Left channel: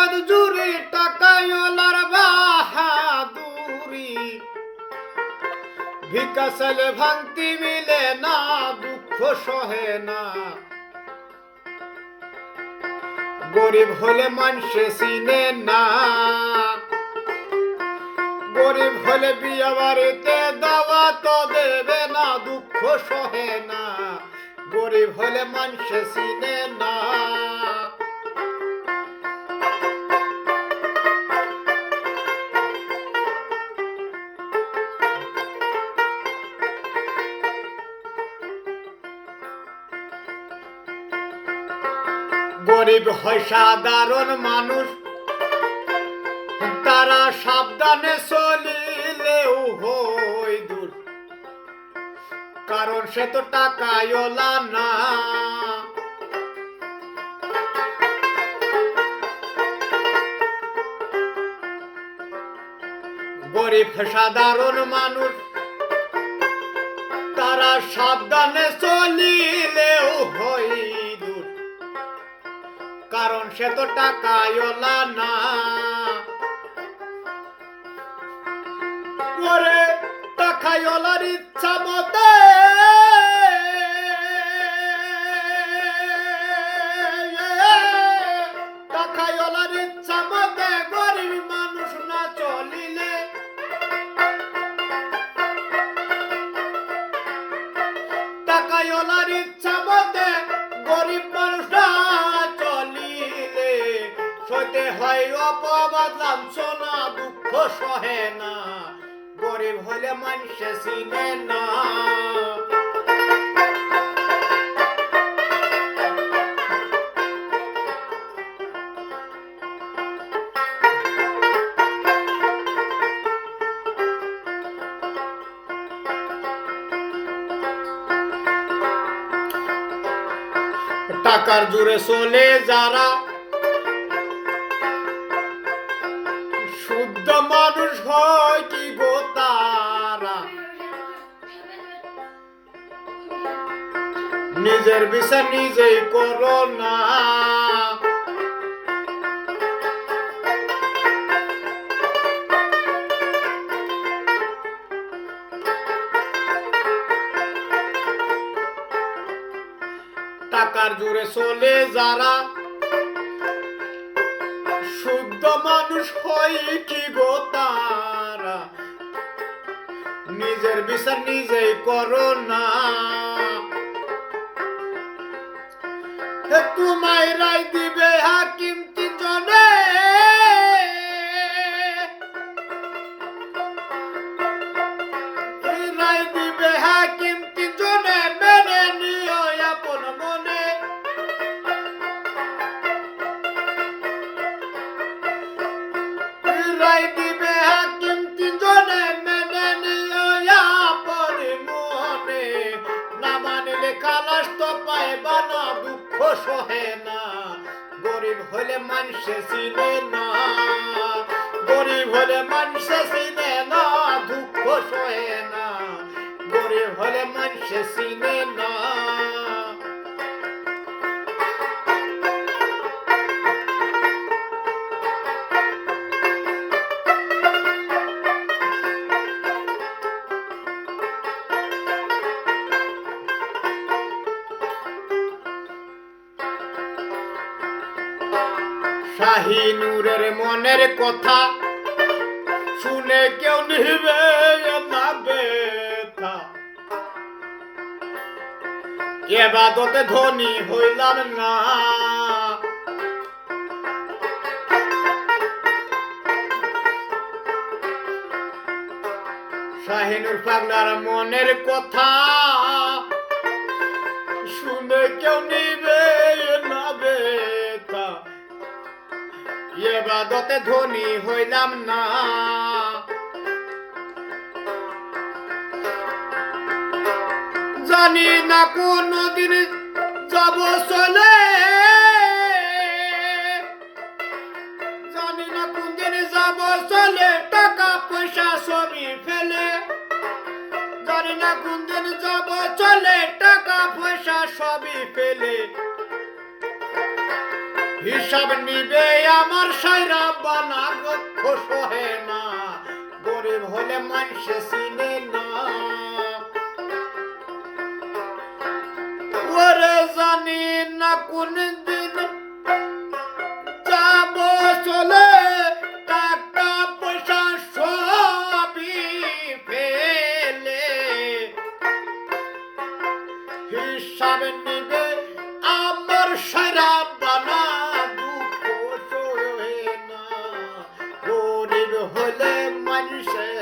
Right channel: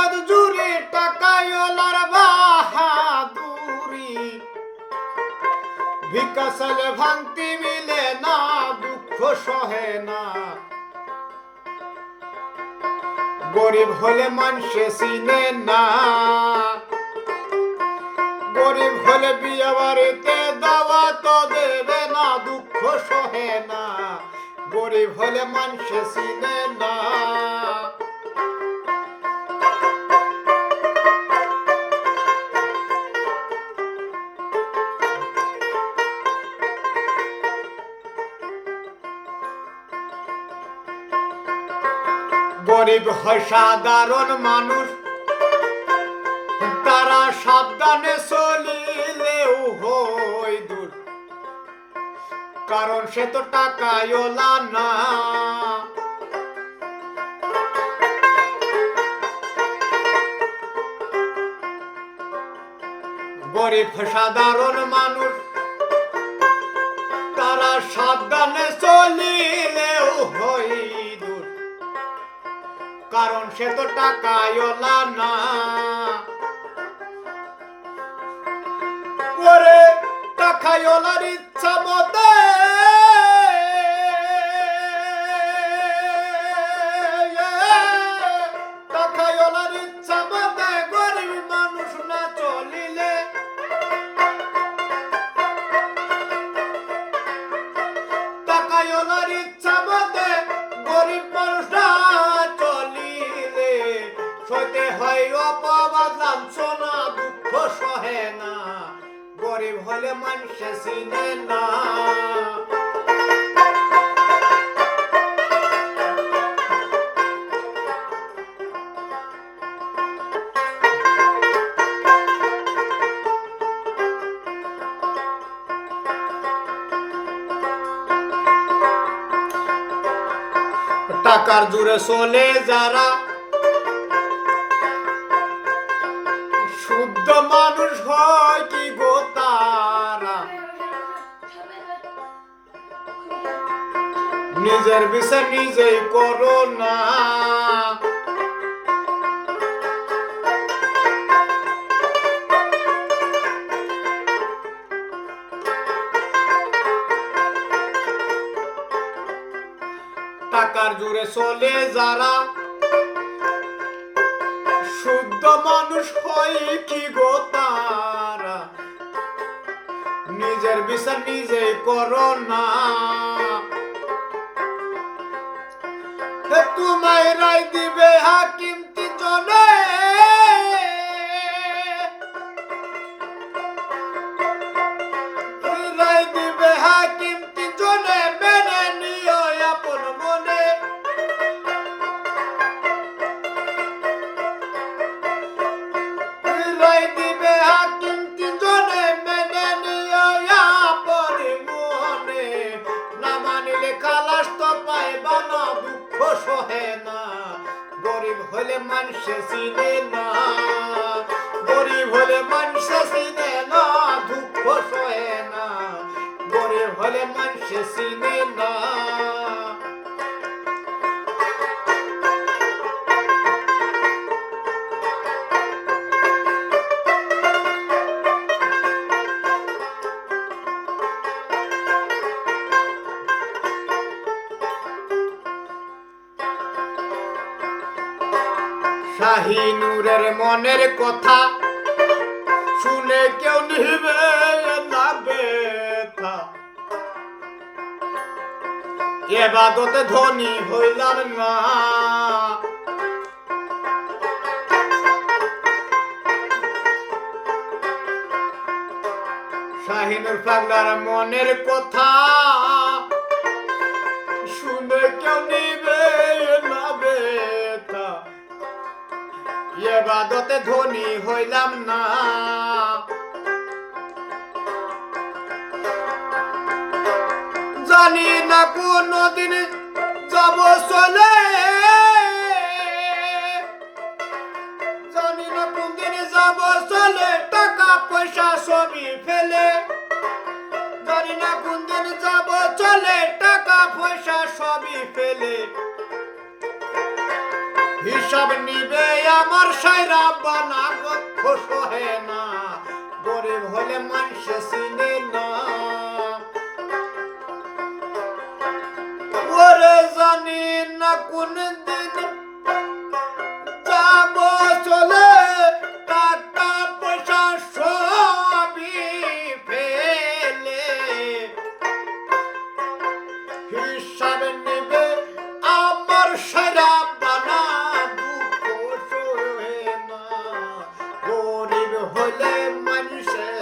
জগৎ জুড়ে টাকায়লার বাহাদুরি। বিকাশলে ভাঙতি মিলে না, দুঃখ সহে না। গরিব হলে মানুষে চিনে না। গরিব হলে বিয়ে বাড়িতে দাওয়া তো দেবে না, দুঃখ সহে না। গরিব হলে মানুষে চিনে না। গরিব হয় সাধারণ মানুষ। তারা সাবধানে চলিলেও হই দূর। কারণ সে তো টাকায়লা না। গরিব সাধারণ মানুষ। তারা সাবধানে চলিলেও হই কারণ সে তো টাকায়লা না। ওরে টাকায়লার ইচ্ছা মতে দুঃখ সহে না গরিব হলে মানুষে চিনে না। টাকার জুড়ে চলে যারা নিজের বিষয় নিজেই করো না। টাকার জুড়ে চলে যারা, শুদ্ধ মানুষ হয় কি গো তারা? নিজের বিচার নিজেই করো না। তোমায় রায় দিবে হাকিম তিনজনে। রায় দিবে হাকিম তিনজনে, মেনে নিও আপন মনে। রায় দিবে হাকিম সহে না। গরিব হলে মানুষে চিনে না। গরিব হলে মানুষে চিনে না, দুঃখ সহে না। গরিব হলে মানুষে চিনে না। শাহিনুরের মনের কথা। শুনে কেউ নিবে না বেথা এবাদতে ধনী হইলাম না। শাহিনুর পাগলার মনের কথা। শুনে কেউ নিবে এবাদতে ধনী হইলাম না। জানি না কোন দিন যাব চলে। জানি না কোন দিন যাব চলে টাকা পয়সা সবই ফেলে। জানি না কোন দিন যাব চলে টাকা পয়সা সবই ফেলে। হিসাব নিবে আমার সাইরা বানা দুঃখ সহে না। গরিব হলে মানুষে চিনে না। ওরে জানি না কোন দিন যাব চলে, টাকা পয়সা সবই ফেলে। হিসাব নিবে আমার সারা হলে মানুষের